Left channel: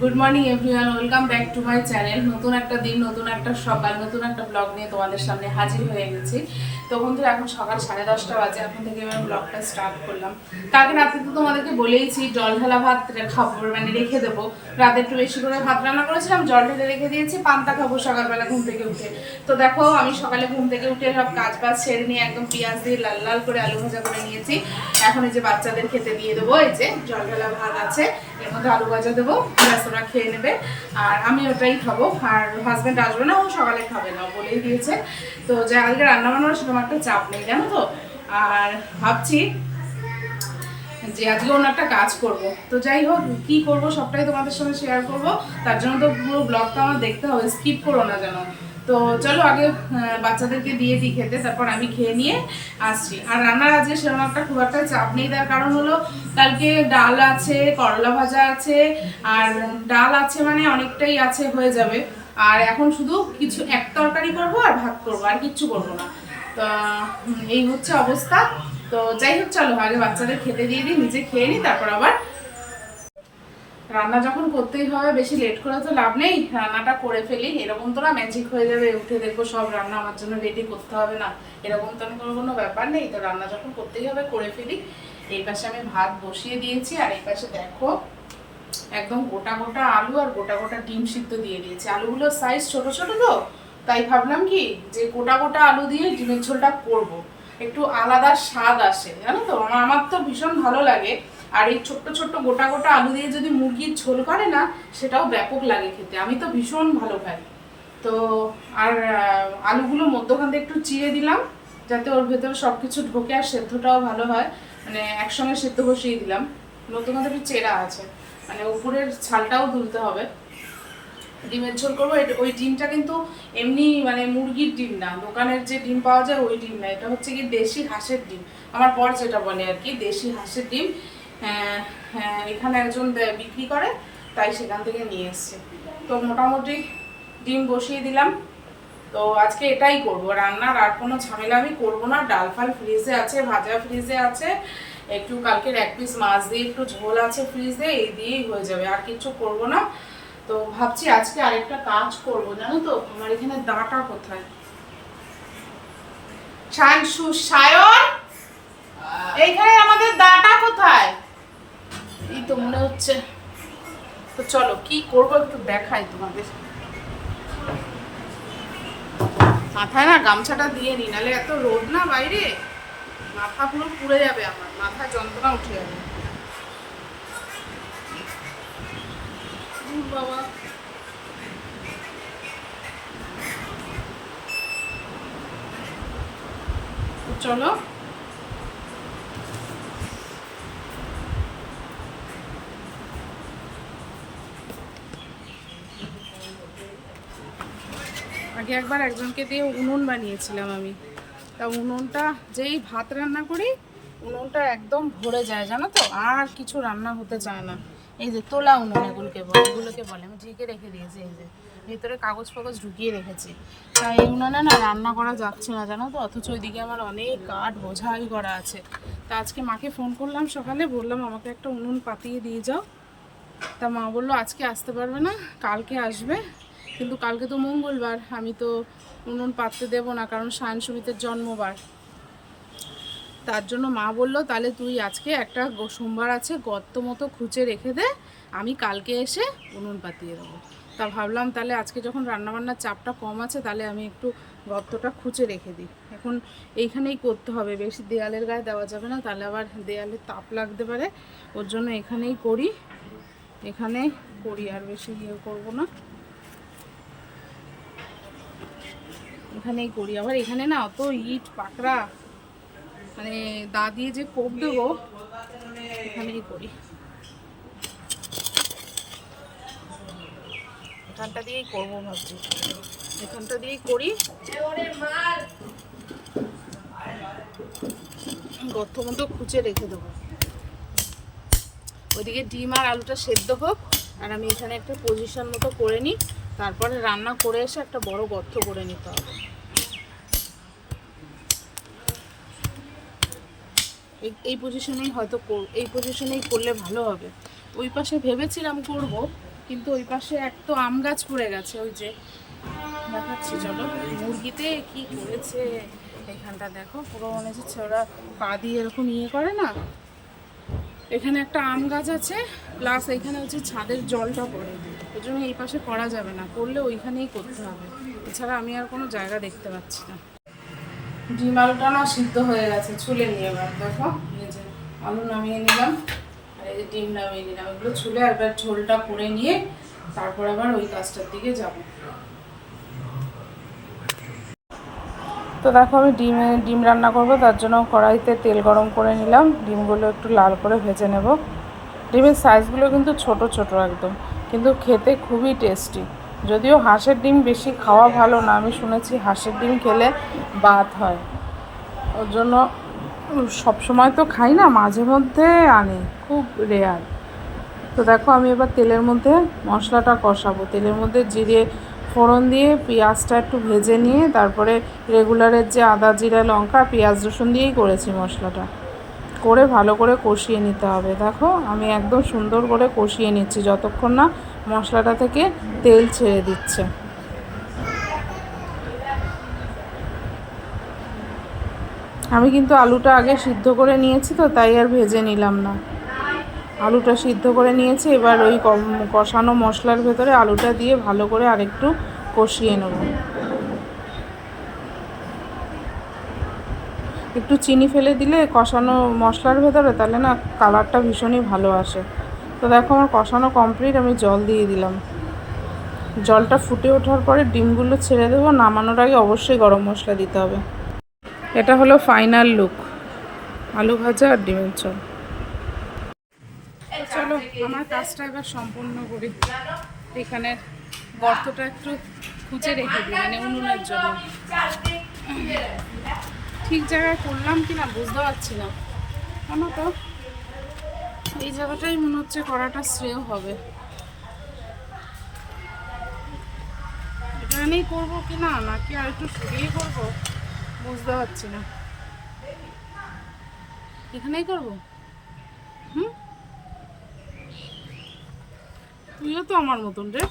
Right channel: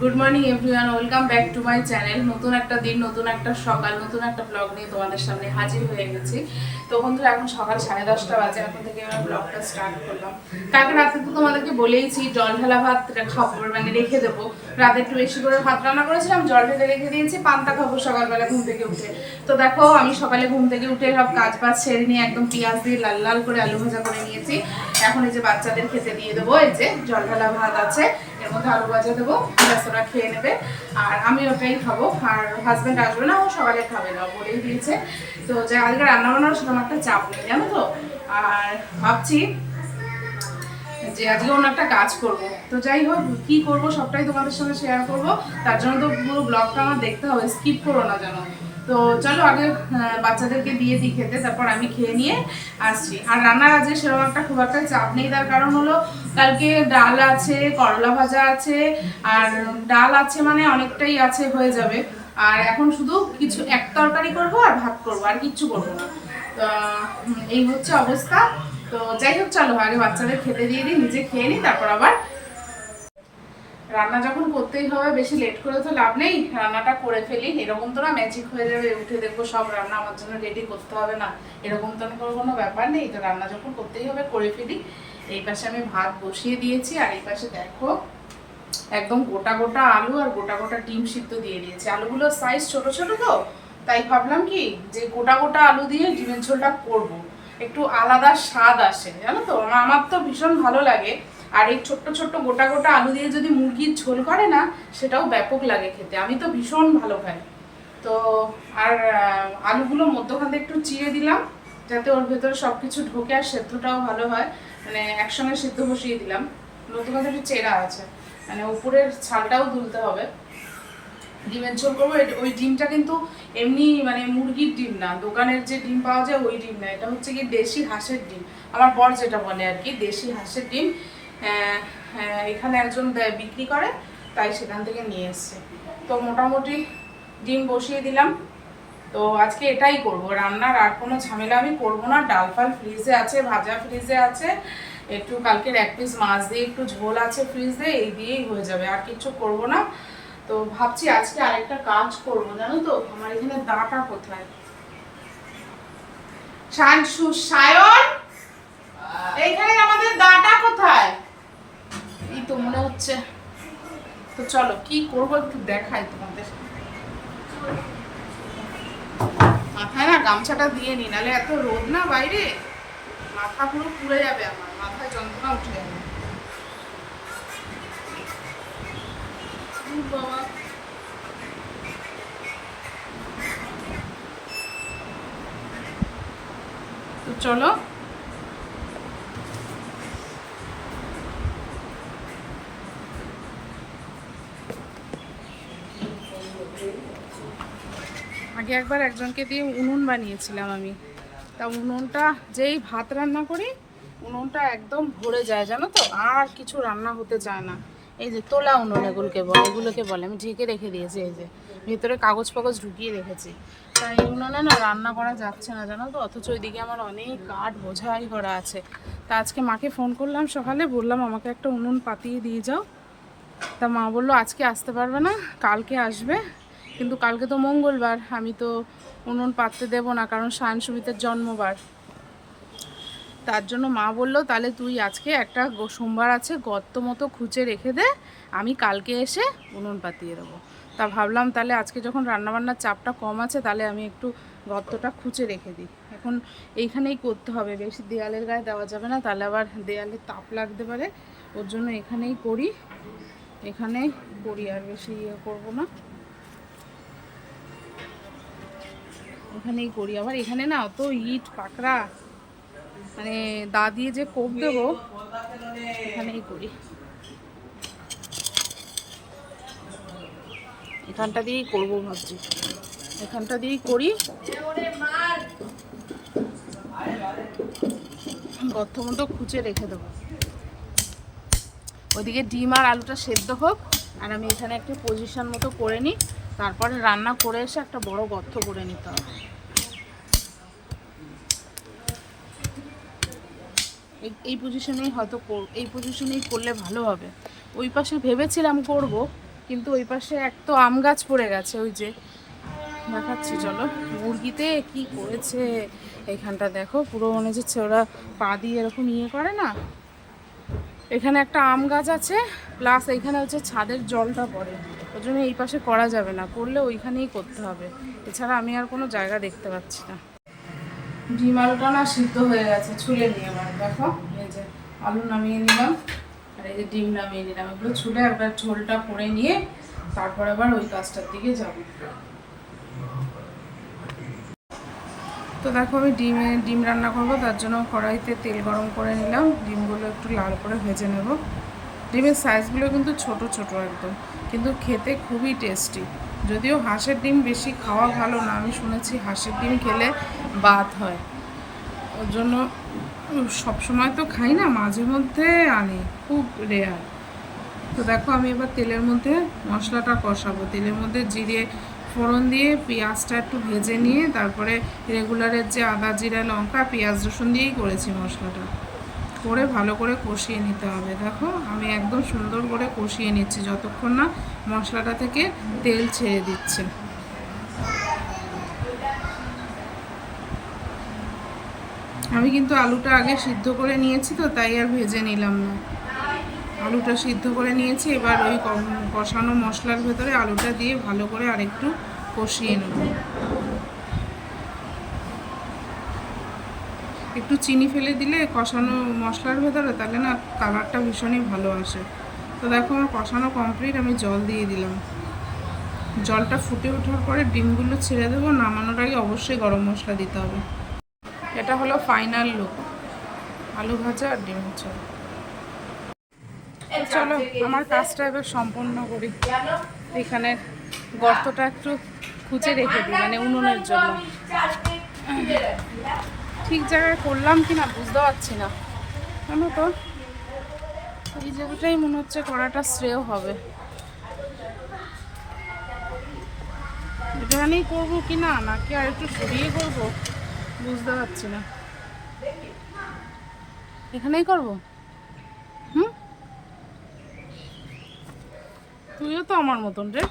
Good morning everyone welcome back to my channel নতুন একটা দিন, নতুন একটা সকাল, নতুন একটা ব্লগ নিয়ে তোমাদের সামনে হাজির হয়ে গেছি। তো বন্ধুরা, এখন সকাল সাড়ে দশটা বাজে। এখন থেকে আমি ব্লগটা স্টার্ট করলাম। কালকে রাতে তো তোমাদেরকে বলেইছি, জল ঢালা ভাত খাব মানে রেখে দেবো। রাতে একটু বেশি করে ভাত রান্না করেছিলাম, জল ঢেলে রেখে দিয়েছি, পান্তা খাব সকালবেলা ঘুম থেকে উঠে। তো দেখো, আমি সকালে ঘুম থেকে উঠে সব কাজ বাজ ছেড়ে নিয়ে একদম পেঁয়াজ দিয়ে লাল লাল করে আলু ভাজা করে নিয়েছি। এখন এই যে বাচ্চাদের খেতে দিয়ে দেবো, এই যে জল ঢালা ভাত আছে। এর মধ্যে আলু ভাজা দেবো ব্যাস খেয়ে নেবে। আর আমি ওটাই খাব, আর হাজব্যান্ড আসবে না, ও সকালে খাবে না বলেই দিয়েছে। তো যা আজকে রান্না বান্নার সেরকম একটা চাপ নেই, জানো তো? আর ভাবছি যে আজকে অন্য একটা কাজ করব। তো যাই হোক, কি করব সবটাই তোমাদের সঙ্গে শেয়ার করব। তার জন্য তো পুরো ব্লগটা আমার দেখতে হবে স্কিপ করো না যেন। তো চলো আগে বাচ্চাদেরকে দিয়ে দিই খেতে, তারপর আমি খেয়ে নিয়ে আসছি। আর রান্নার আজকে সেরকম একটা খুব একটা চাপ নেই, তার কারণ হলো কালকে ডাল আছে, করলা ভাজা আছে, আর ডাল আছে মানে অনেকটাই আছে, হয়ে যাবে। আর এখন শুধু কিছু এক তরকারি করব আর ভাত করব, আর কিচ্ছু করব না। তো এই হচ্ছে অবস্থা। তো যাই হোক, চলো আগে বাচ্চাদের খেতে দিয়ে দিই, নিজে খেয়ে নিই, তারপর আবার রান্না যখন করতেই হবে, বেশি লেট করে তো লাভ নেই। রান্নাটা করে ফেলি। এরকম তো না ম্যাজিক হয়ে যাবে, উঠে দেখব সব রান্না আমার জন্য রেডি করতে হবে না। এরকম তো কোনো কোনো ব্যাপার নেই। তো রান্না যখন করতেই হবে, করে ফেলি। এই পাশে আমি ভাত বসিয়ে দিয়েছি, আর এই পাশে দেখো, একদম গোটা গোটা আলু আর গোটা গোটা ডিম সিদ্ধ দিয়ে দিয়েছি। আলুগুলোর সাইজ ছোট ছোট তো, তাই ভাবলাম কি, যে গোটা গোটা আলু দিয়ে ডিমের ঝোলটা করব। একটু আলাদা স্বাদ আসে, জানো তো? আমার তো ভীষণ ভালো লাগে। আর এই ছোট্ট ছোট্ট গোটা গোটা আলু দিয়ে যদি মুরগির ঝোল করে না, সেটাও ব্যাপক লাগে খেতে। আমি তো ভীষণ ভালো খাই। তো আর আলুগুলো মধ্যখান থেকে একটু চিড়ে দিলাম, যাতে ওর ভেতরে সব কিছু ঢোকে আর সেদ্ধটাও ভালো হয়। মানে একসঙ্গে সেদ্ধ বসিয়ে দিলাম। থেকে একটু চেরা আছে। মানে উপরের ছালটাও তুলতে হবে। ডিমের ঝোল করব। ওই ডিমটা কিন্তু এমনি মানে মুরগির ডিম না। দোকানের যে ডিম পাওয়া যায়, ওই ডিম না। এটা হচ্ছে কি দেশি হাঁসের ডিম। আমার বর যেটা বলে আর কি, দেশি হাঁসের ডিম। এখানে একজন বিক্রি করে, তাই সেখান থেকে নিয়ে এসছে। তো মোটামুটি ডিম বসিয়ে দিলাম। তো আজকে এটাই করব, রান্নার আর কোনো ঝামেলা আমি করব না। ডাল ফাল ফ্রিজে আছে, ভাজা ফ্রিজে আছে, একটু কালকের এক পিস মাছ দিয়ে একটু ঝোল আছে ফ্রিজে, এই দিয়েই হয়ে যাবে, আর কিছু করব না। তো ভাবছি আজকে আরেকটা কাজ করব, জানো তো? আমার এখানে দাটা কোথায়? সায়ন? এইখানে আমাদের দাটা কোথায়? এই তো মনে হচ্ছে। তো চলো, কি করব একটু দেখাই তোমাদের। মাথায় না গামছাটা দিয়ে নি, নালে এত রোদ না বাইরে? মাথা পুরো পুড়ে যাবে আমার, মাথায় যন্ত্রণা উঠে যাবে। বাবা। চলো আগে একবার একজনকে দিয়ে উনুন বানিয়েছিলাম আমি। তা উনুনটা যেই ভাত রান্না করি, উনুনটা একদম ভরে যায়, জানো তো? আর কিছু রান্না হতে চায় না। এই যে তোলা উনুন এগুলোকে বলে এগুলোকে বলে। আমি ঢেকে রেখে দিয়েছি এই যে। ভেতরে কাগজ ফাগজ ঢুকিয়ে রেখেছি। তাই এই উনুনে না রান্না করা যাচ্ছে না, জানো তো? অথচ ওইদিকে আমার অনেক কাঠ বোঝাই করা আছে। তা আজকে মাকে ফোন করলাম সকালে, বললাম, আমাকে একটা উনুন পাতিয়ে দিয়ে যাও। তা মা বলল, আজকে আসতে পারবে না, কালকে আসবে। কিন্তু কালকে তো মঙ্গলবার, আমি তো উনুন পাততে দেবো না কারণ সায়ন সুমিতের জন্মবার। তার জন্য মা বলল, তাহলে তুই আজকে একটা সোমবার আছে, গর্ত মতো খুঁচে রেখে দে, আমি কালকে এসে উনুন পাতিয়ে দেবো। তা ভাবলাম, তাহলে আজকে যখন রান্নাবান্নার চাপটা কম আছে, তাহলে আমি একটু গর্তটা খুঁচে রেখে দিই। এখন এইখানেই করতে হবে, বেশি দেয়ালের গায়ে দেওয়া যাবে না, তাহলে আবার দেয়ালে তাপ লাগতে পারে। ওর জন্য এখানেই করি এখানে করি, আর বেশি ইয়ে করব না। এখানেই করি। আবার এখানে না অত ইট পাকড়া মানে দা দিয়ে যে কোপ দেবো এখানেই করি। এখানটা দিয়েই করব ভাবছি। এখানটা দিয়েই করি। গর্ত মতো খুঁচে রেখে দেবো। ওদিকে ডিম আর আলুটা সেদ্ধ হোক আর আমি এখানে একটা পজিশন মতো করে নিই। তারপরে রান্না করে এসে একটা বড় গর্ত করে নিতে হবে। এই- পজিশনেই হয়তো এই পজিশনেই করলে ভালো হবে। ওই পাশে ভেবেছিলাম করব, কিন্তু ওই পাশে এক তো আম গাছ পড়ে গেছে, ওই যে। দেখাচ্ছি, চলো। মুরগিতে কি করেছে? এখানটা দেখো, পুরো মনে হচ্ছে ওরা পা দিয়ে এরকম ইয়ে করে না? এখানে একটা আম গাছ আছে প্লাস এখানে হচ্ছে ছাদের জলটা পড়ে। ওই জন্য এই পাশে করা যাবে না, করলে ওইখানেই করতে হবে। এছাড়া আমি আর কোনো জায়গা দেখতে পাচ্ছি না। ডিম আলুটা না সিদ্ধ হয়ে গেছে, ছুলে নিয়ে এবার, দেখো, এই যে আলু নামিয়ে নিলাম, আর এই যে ডিম নামিয়ে নিলাম। এগুলো ছুলে একবার ঝোলটা করে নিয়ে, তারপর আবার ওই কাজটার দিকে যাব। তো দেখো আমি ডিমে, ডিম রান্না করব, তার জন্য কড়াইতে তেল গরম করে নিলাম। ডিমগুলো একটু লাল করে ভেজে নেব। ডিমের সাইজগুলো কিন্তু ছোট ছোট একদম। কিন্তু খেতে খুবই টেস্টি যদিও হাঁসের ডিম বেশি খাওয়া ভালো না, আমি শুনেছি হাঁসের ডিম খেলে বাত হয়। ওর জন্য সবসময় তো খাই না, মাঝে মধ্যে আনি, খুব রেয়ার তো দেখো আমি এবার তেলের মধ্যে মশলাটা কষাবো। তেলের মধ্যে জিরে ফোড়ন দিয়ে পেঁয়াজটা একটু ভেজে নিয়ে তারপরে রেগুলারের যে আদা, জিরা, লঙ্কা, পেঁয়াজ, রসুন দিয়েই করেছি মশলাটা। করে ভালো করে কষিয়ে নিতে হবে। দেখো, আমি একদম সুন্দর করে কষিয়ে নিচ্ছি যতক্ষণ না মশলাটা থেকে তেল ছেড়ে দিচ্ছে। আমি কিন্তু আলুটা আগে সিদ্ধ করে নিয়েছি তো, তাই আর ভেজে নিলাম না। আলুটা সিদ্ধ করে নিয়েছি, এবার ওই কষানো মশলার ভেতরে আলুটা দিয়ে ভালো করে আরেকটু কষিয়ে নেব। একটু চিনি ফেলে দিলে কষানো মশলার ভেতরে তাহলে না কালারটা ভীষণই ভালো আসে। তো দেখো আমার কষানো কমপ্লিট, আমি জল দিয়ে দিলাম। জলটা ফুটে ওঠার পরে ডিমগুলো ছেড়ে দেবো, নামানোর আগে অবশ্যই গরম মশলা দিতে হবে। এটা হলো ফাইনাল লুক, আলু ভাজা আর ডিমের ঝোল। চলো, আমার কাজটা এবার সম্পন্ন করি। এখানে গর্তটা একটু খুঁজে রেখে দিই মানে উনুনের জন্য। ঠিক জায়গায় করলাম কি না বুঝতে পারছি না। জানো তো, এই জায়গাটাই মনে হচ্ছে করাটা শ্রেয় হবে। এখানেই করব কি না, নাকি আর একটু সরিয়ে করব? বুঝতে পারছি না। এখানেই করব হুম তুইও তো আমার মতন রে।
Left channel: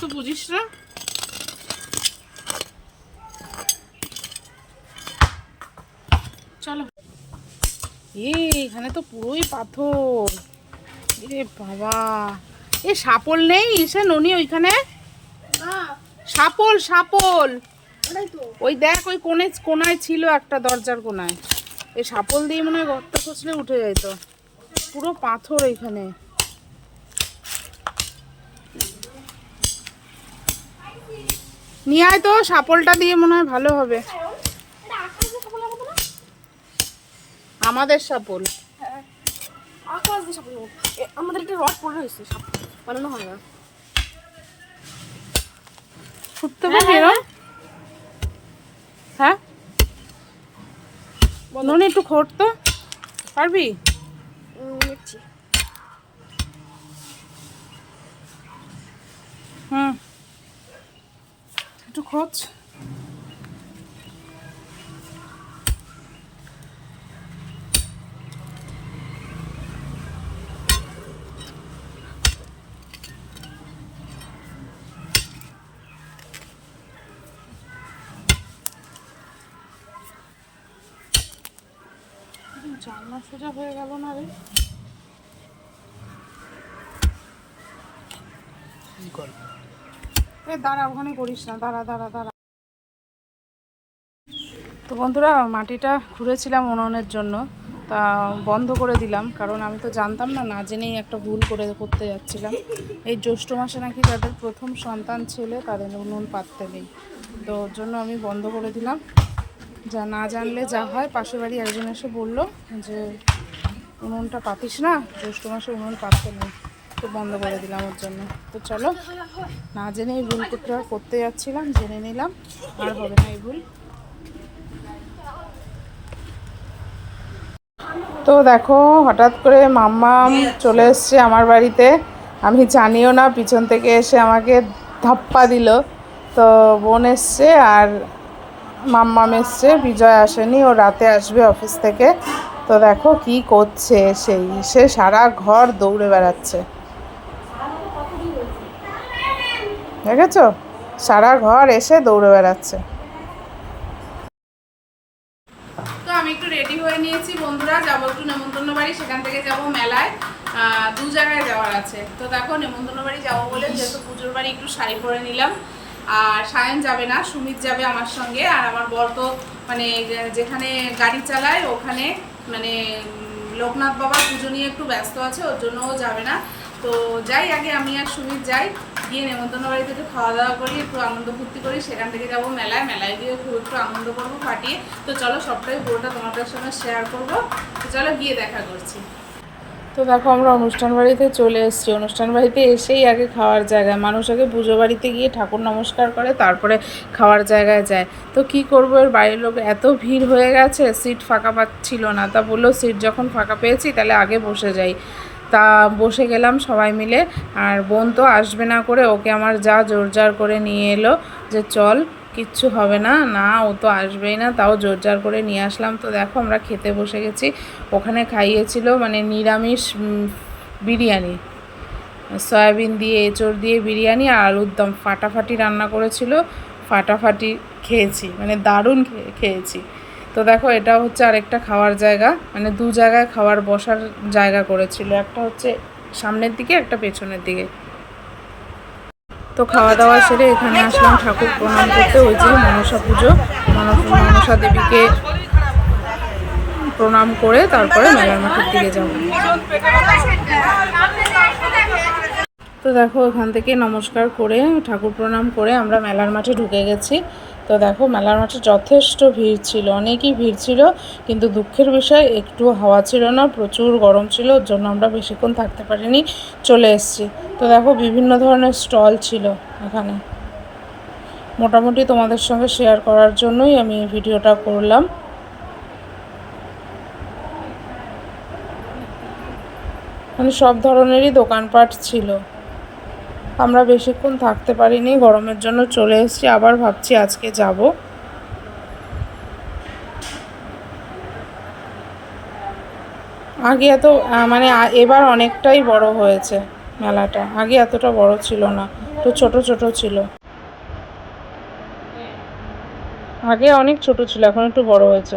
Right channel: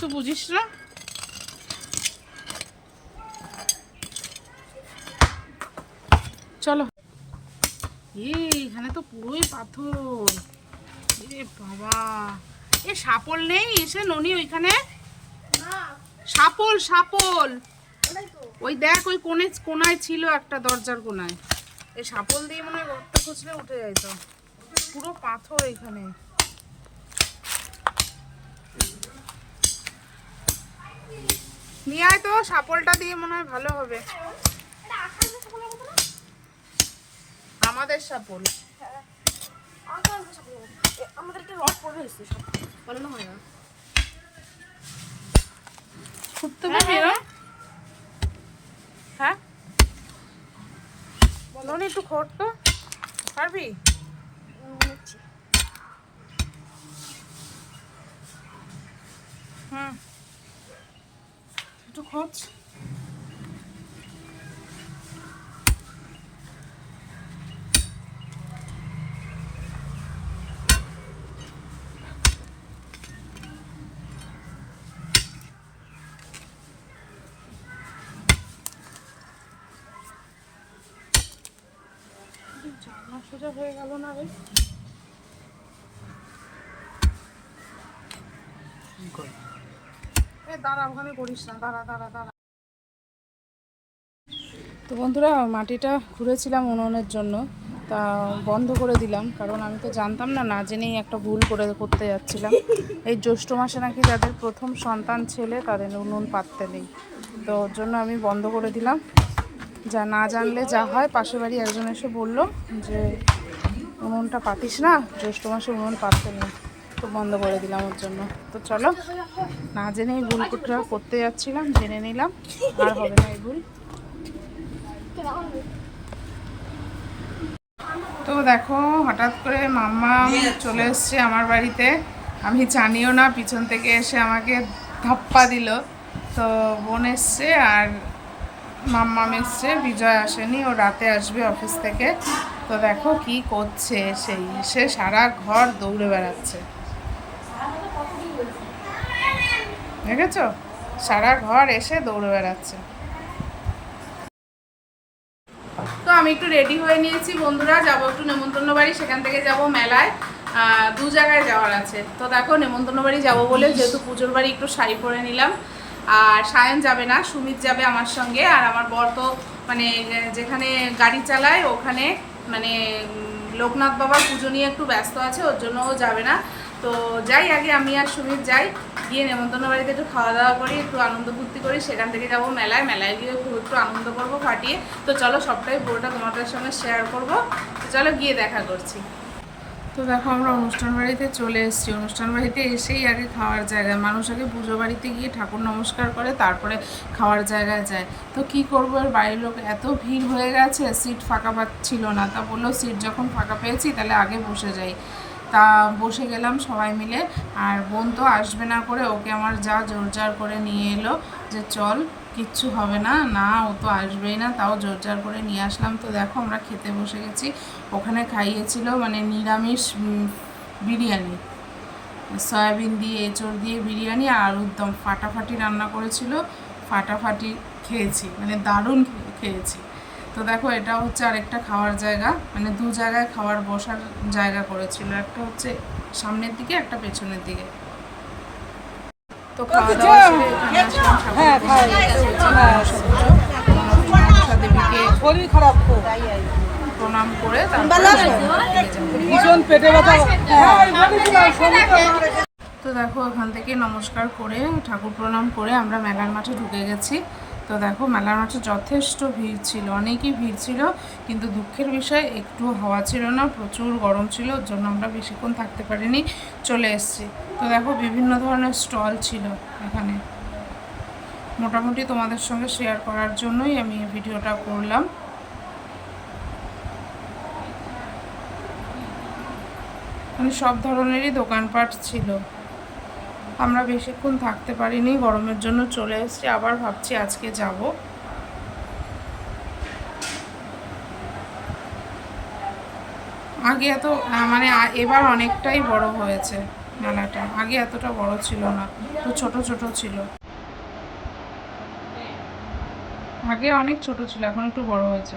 তো বুঝিস না? চলো। এখানে তো পুরোই পাথর। এ বাবা। এ সাপল নেই? ইসে ননি ওইখানে? সাপল সাপল! ওই দেখ ওই কোণে কোনায় ছিল একটা দরজার কোনায় এই সাপল দিয়ে মনে হয় গর্ত খুঁজলে উঠে যেত। পুরো পাথর এখানে। নিয়ে আয় তো সাপলটা দিয়ে মনে হয় ভালো হবে। আমাদের সাপল। আমাদের একটা রড পড়ে রয়েছে বানানো হয় না। পারবি এরম? হ্যাঁ ননি একটু খোট তো। পারবি? হুম। একটু খোঁজ। জানলা সোজা হয়ে গেল না রে? দাঁড়া, ওখানে করিস না। দাঁড়া দাঁড়া দাঁড়া। তো বন্ধুরা, মাটিটা খুঁড়েছিলাম উনুনের জন্য। তা বন্ধ করে দিলাম, কারণ আমি তো জানতাম না না জেনেই একটা ভুল করে করতে যাচ্ছিলাম। এই জ্যৈষ্ঠ মাসে নাকি যাদের প্রথম সন্তান ছেলে, তাদের উনুন পাততে নেই। তো ওর জন্য আমি বন্ধ করে দিলাম। যা না জানলে যা হয় পাশের বাড়ি একজন এসে বলল যে, উনুনটা পাতিস না, জ্যৈষ্ঠ মাসে উনুন পাততে নেই। তো বন্ধ করে দিলাম ওর জন্য। তো চলো, না জেনে এই ভুল করতে- যাচ্ছিলাম, জেনে নিলাম, আর হবে না এই ভুল। তো দেখো, হঠাৎ করে মাম্মাম চলে এসছে আমার বাড়িতে। আমি জানিও না, পিছন থেকে এসে আমাকে ধাপ্পা দিল। তো বোন এসছে আর মাম্মাম এসছে, বিজয় আসেনি, ও রাতে আসবে অফিস থেকে। তো দেখো কি করছে সেই, সে সারা ঘর দৌড়ে বেড়াচ্ছে। দেখেছ? সারা ঘর এসে দৌড়ে বেড়াচ্ছে। তো আমি একটু রেডি হয়ে নিয়েছি, বন্ধুরা। যাব একটু নেমন্তন্ন বাড়ি, সেখান থেকে যাব মেলায়। দু জায়গায় যাওয়ার আছে। তো দেখো, নেমন্তন্ন বাড়ি যাব বলে যেহেতু পুজোর বাড়ি একটু শাড়ি পরে নিলাম। আর সায়ন যাবে না, সুমিত যাবে আমার সঙ্গে। আর আমার বর তো মানে যেখানে গাড়ি চালায়, ওখানে মানে লোকনাথ বাবার পুজো নিয়ে একটু ব্যস্ত আছে, ওর জন্য ও যাবে না। তো যাই, আগে আমি আর সুমিত যাই, গিয়ে নেমন্তন্ন বাড়িতে একটু খাওয়া দাওয়া করি, একটু আনন্দ ফুর্তি করি, সেখান থেকে যাব মেলায়। মেলায় গিয়ে খুব একটু আনন্দ করব ফাটিয়ে। তো চলো সবটাই পুরোটা তোমাদের সঙ্গে শেয়ার করব। তো চলো গিয়ে দেখা করছি। তো দেখো, আমরা অনুষ্ঠান বাড়িতে চলে এসেছি। অনুষ্ঠান বাড়িতে এসেই আগে খাওয়ার জায়গায় মানুষ আগে পুজো বাড়িতে গিয়ে ঠাকুর নমস্কার করে, তারপরে খাওয়ার জায়গায় যায়। তো কি করব, এর বাইরের লোক এত ভিড় হয়ে গেছে, সিট ফাঁকা পাচ্ছিল না। তা বলল, সিট যখন ফাঁকা পেয়েছি, তাহলে আগে বসে যাই। তা বসে গেলাম সবাই মিলে। আর বোন তো আসবে না করে, ওকে আমার যা জোর জোরজার করে নিয়ে এলো যে চল, কিচ্ছু হবে না। না, ও তো আসবেই না, তাও জোর জোরজার করে নিয়ে আসলাম। তো দেখো আমরা খেতে বসে গেছি। ওখানে খাইয়েছিল মানে নিরামিষ বিরিয়ানি। সয়াবিন দিয়ে, এঁচড় দিয়ে বিরিয়ানি আর আলুর দম ফাটাফাটি রান্না করেছিল। ফাটাফাটি খেয়েছি মানে দারুণ খেয়েছি। তো দেখো এটা হচ্ছে আরেকটা খাওয়ার জায়গা। মানে দু জায়গায় খাওয়ার বসার জায়গা করেছিল। একটা হচ্ছে সামনের দিকে, একটা পেছনের দিকে। তো খাওয়া দাওয়া সেরে এখানে আসলাম ঠাকুর প্রণাম করতে ওই যে মনসা পুজো। মন- মনসা দেবীকে প্রণাম করে তারপরে দিকে যাব। তো দেখো ওখান থেকে নমস্কার করে ঠাকুর প্রণাম করে আমরা মেলার মাঠে ঢুকে গেছি। তো দেখো, মেলার মাঠে যথেষ্ট ভিড় ছিল, অনেকই ভিড় ছিল, কিন্তু দুঃখের বিষয়, একটু হাওয়া ছিল না, প্রচুর গরম ছিল, ওর জন্য আমরা বেশিক্ষণ থাকতে পারিনি, চলে এসেছি। তো দেখো, বিভিন্ন ধরনের স্টল ছিল এখানে। মোটামুটি তোমাদের সঙ্গে শেয়ার করার জন্যই আমি এই ভিডিওটা করলাম। মানে সব ধরনেরই দোকানপাট ছিল। আমরা বেশিক্ষণ থাকতে পারিনি, গরমের জন্য চলে এসেছি, আবার ভাবছি আজকে যাব। আগে এত মানে এবার অনেকটাই বড় হয়েছে মেলাটা। আগে এতটা বড় ছিল না, তো ছোট ছোট ছিল। আগে অনেক ছোট ছিল, এখন একটু বড় হয়েছে।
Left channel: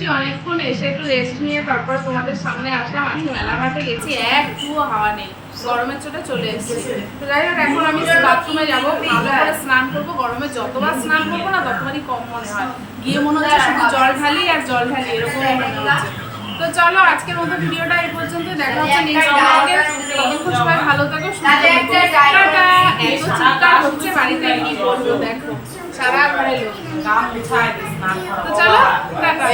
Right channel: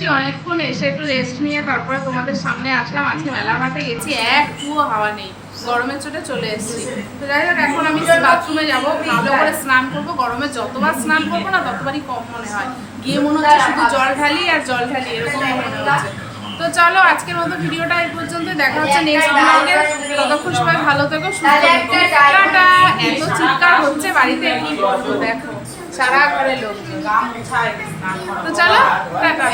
এসেছি অনেকক্ষণ এসে একটু রেস্ট নিয়ে তারপরে তোমাদের সামনে আসলাম। আজকে মেলা ঘাটে গেছি একটুও হাওয়া নেই। গরমের চোটে চলে এসেছি। তো যাই হোক, এখন আমি বাথরুমে যাব। ভালো করে স্নান করব। গরমে যতবার স্নান করব না, ততবারই কম মনে হয়। গিয়ে মনে হচ্ছে শুধু জল ঢালি আর জল ঢালি এরকমই মনে হচ্ছে। তো চলো, আজকের মতো ভিডিওটা এই পর্যন্ত দেখা হচ্ছে নেক্সট ব্লগে ততক্ষণ সবাই ভালো থাকো থাকো। টাটা! এত চিৎকার হচ্ছে বাড়িতে কি বলব দেখো, সারা ঘরে লোক। তো চলো টাটা।